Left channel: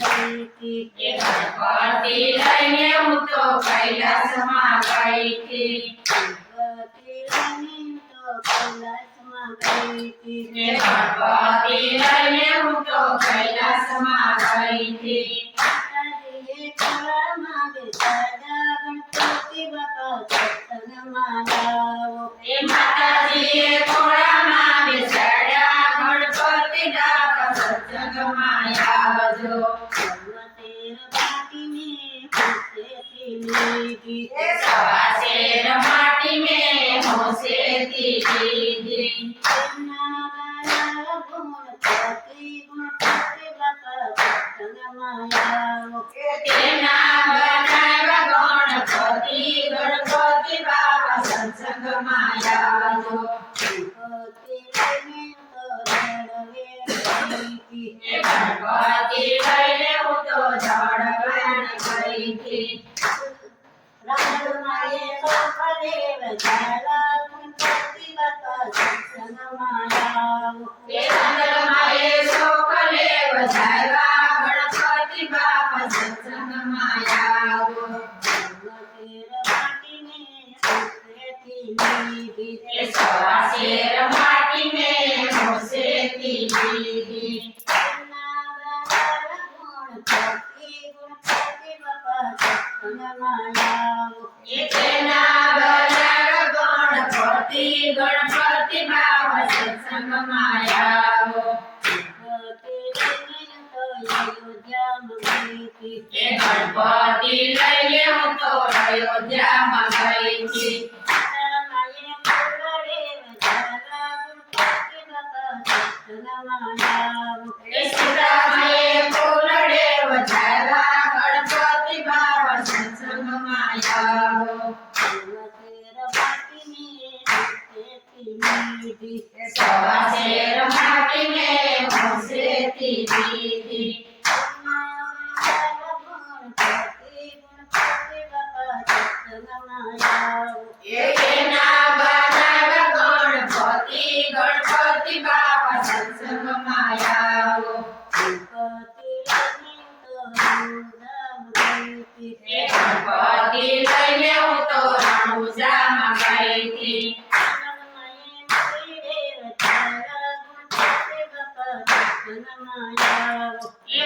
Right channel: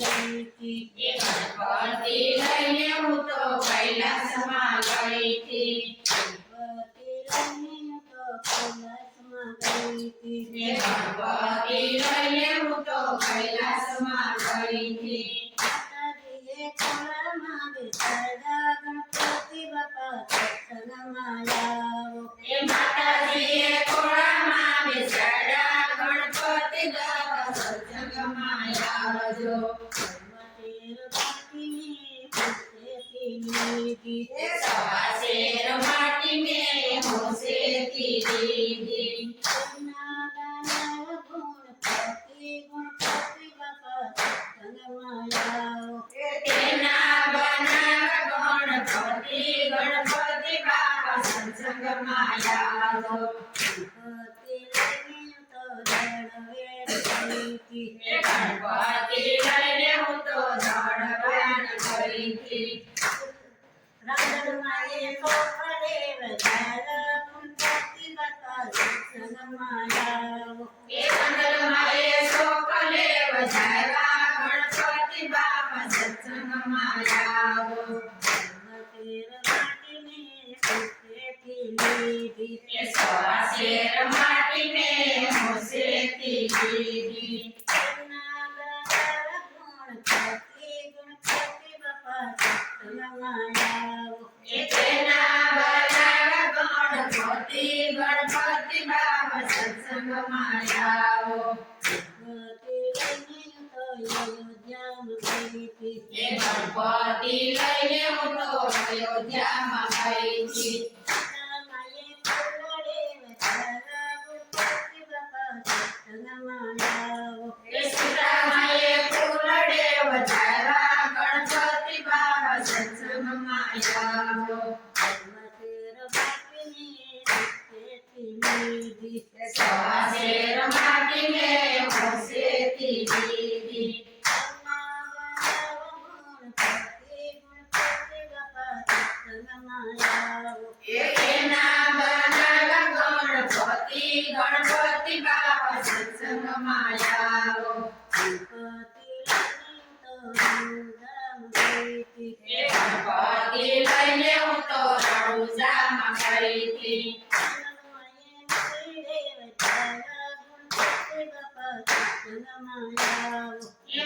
ગઈ હતી. એ ગણપતિ લઈને હું તો કૈલાસમાં ગઈ હતી. ગણપતિ લઈને હું તો કૈલાસમાં ગઈ હતી. એ ગણપતિ લઈને હું તો કૈલાસમાં ગઈ હતી. માતાજીએ ખોળામાં બેસાડ્યા ગણપતિ બાપા સત્સંગમાં આવો. એ માતાજીએ ખોળામાં બેસાડ્યા ગણપતિ દાદા સત્સંગમાં આવજો. શેર બાટીને હોશેથી લીધી. એ સવા શેર માટી મેં હોશેથી લીધી. તેમના ગાયા ગણપતિ બાપા સત્સંગમાં આવો. તેના બનાવ્યા ગણપતિ બાબા સત્સંગમાં આવજો. ગણપતિ લઈને તો રડવે ગઈ હતી. એ ગણપતિ લઈને હું તો જળવાન ગઈ હતી. રામમાએ સોપને વધારા ગણપતિ બાપા સત્સંગમાં આવો. એ મંગલમાએ શોકલે વધાવ્યા ગણપતિ બાબા સત્સંગમાં આવો. શેર બાટીને હોશેથી લીધી. એ સવા શેર માટી મેં હોશેથી લીધી. તેમના ગાયા ગણપતિ બાપા સત્સંગમાં આવો. એ તેના બનાવ્યા ગણપતિ બાબા સત્સંગમાં આવો. ગણપતિ લઈને તો અયોધ્યામાં ગઈ હતી. એ ગણપતિ લઈને હું તો અયોધ્યામાં ગઈ હતી. રામાએ મોગલે વધારા ગણપતિ બાપા સત્સંગમાં આવો. એ સીતામાએ ફૂલડે વધાવ્યા ગણપતિ બાબા સત્સંગમાં આવો. શેર બાટીને હોશેથી લીધી. એ સવા શેર માટી મેં હોશેથી લીધી. ગણપતિ બાપા સત્સંગમાં આવો. એ તેના બનાવ્યા ગણપતિ બાબા સત્સંગમાં આવો. ગણપતિ લઈને તો રણુજામાં ગઈ હતી. એ ગણપતિ લઈને હું તો રણુજામાં ગઈ હતી. રામાએ મોગલે વધારા ગણપતિ બાપા સત્સંગમાં આવો. એ